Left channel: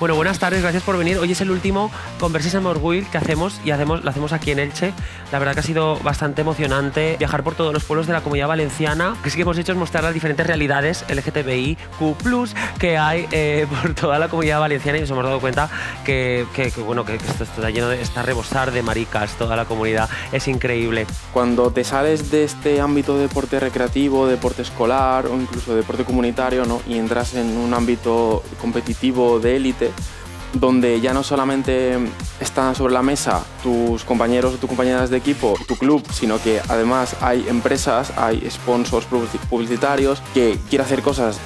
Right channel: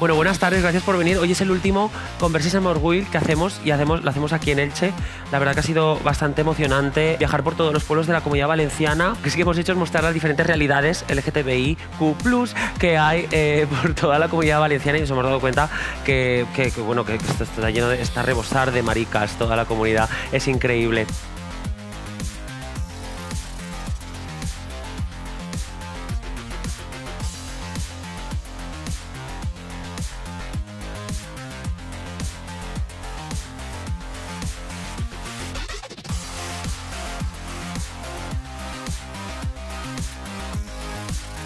Bueno, buenas tardes, gracias por venir. Hoy es el último Conversation Orgull que hacemos lo hacemos aquí en Elche. La verdad que ha sido bastante emocionante viajar por todos los pueblos de la Comunidad Valenciana. Lo que sí que hemos hecho es mostrar las diferentes realidades LGTBIQ+ que hay por toda la Comunidad Valenciana y nos hemos dado cuenta que esto está lleno está a rebosar de maricas, toda la comunidad. Es increíble. Cuando te sales de este ámbito de deporte recreativo, deporte escolar o incluso deporte comunitario, ¿no? Y entras en un ámbito competitivo de élite, donde ya no solamente están sobre la mesa tus compañeros o tus compañeras de equipo, tu club, sino que además hay empresas, hay sponsors publicitarios que quieren hacer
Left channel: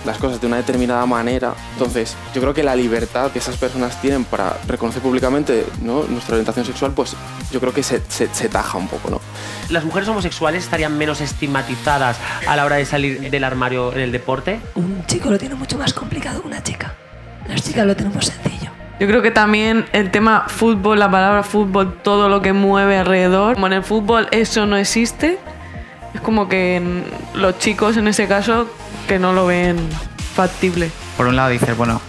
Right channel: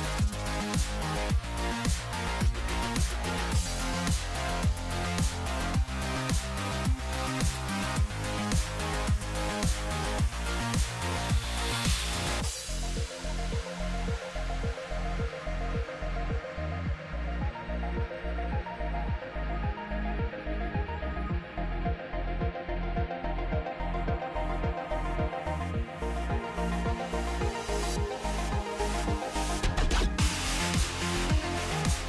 las cosas de una determinada manera. Entonces, yo creo que la libertad que esas personas tienen para reconocer públicamente, ¿no?, nuestra orientación sexual, pues yo creo que se taja un poco, ¿no? ¿Las mujeres homosexuales estarían menos estigmatizadas a la hora de salir del armario en el deporte? Un chico lo tiene mucho más complicado que una chica. Las chicas lo tenemos sencillo. Yo creo que también el tema fútbol, la palabra fútbol, todo lo que mueve alrededor, como en el fútbol eso no existe, es como que los chicos en ese caso que no lo ven factible. Por un lado dices, bueno,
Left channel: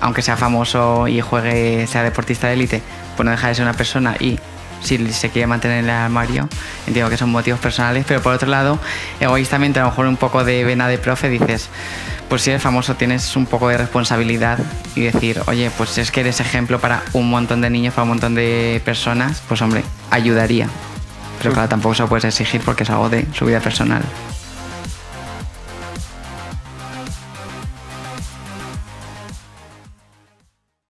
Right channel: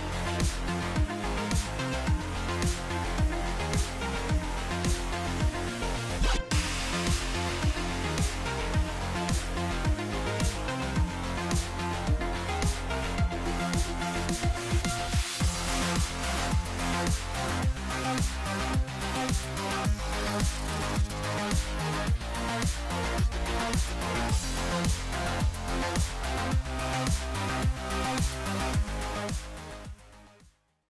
aunque sea famoso y juegue, sea deportista de élite, pues no deja de ser una persona y si se quiere mantener en el armario, entiendo que son motivos personales, pero por otro lado, egoístamente, a lo mejor un poco de vena de profe, dices, pues si eres famoso tienes un poco de responsabilidad y decir, oye, pues es que eres ejemplo para un montón de niños, para un montón de personas, pues hombre, ayudaría. Pero claro, tampoco se lo puedes exigir porque es algo de su vida personal.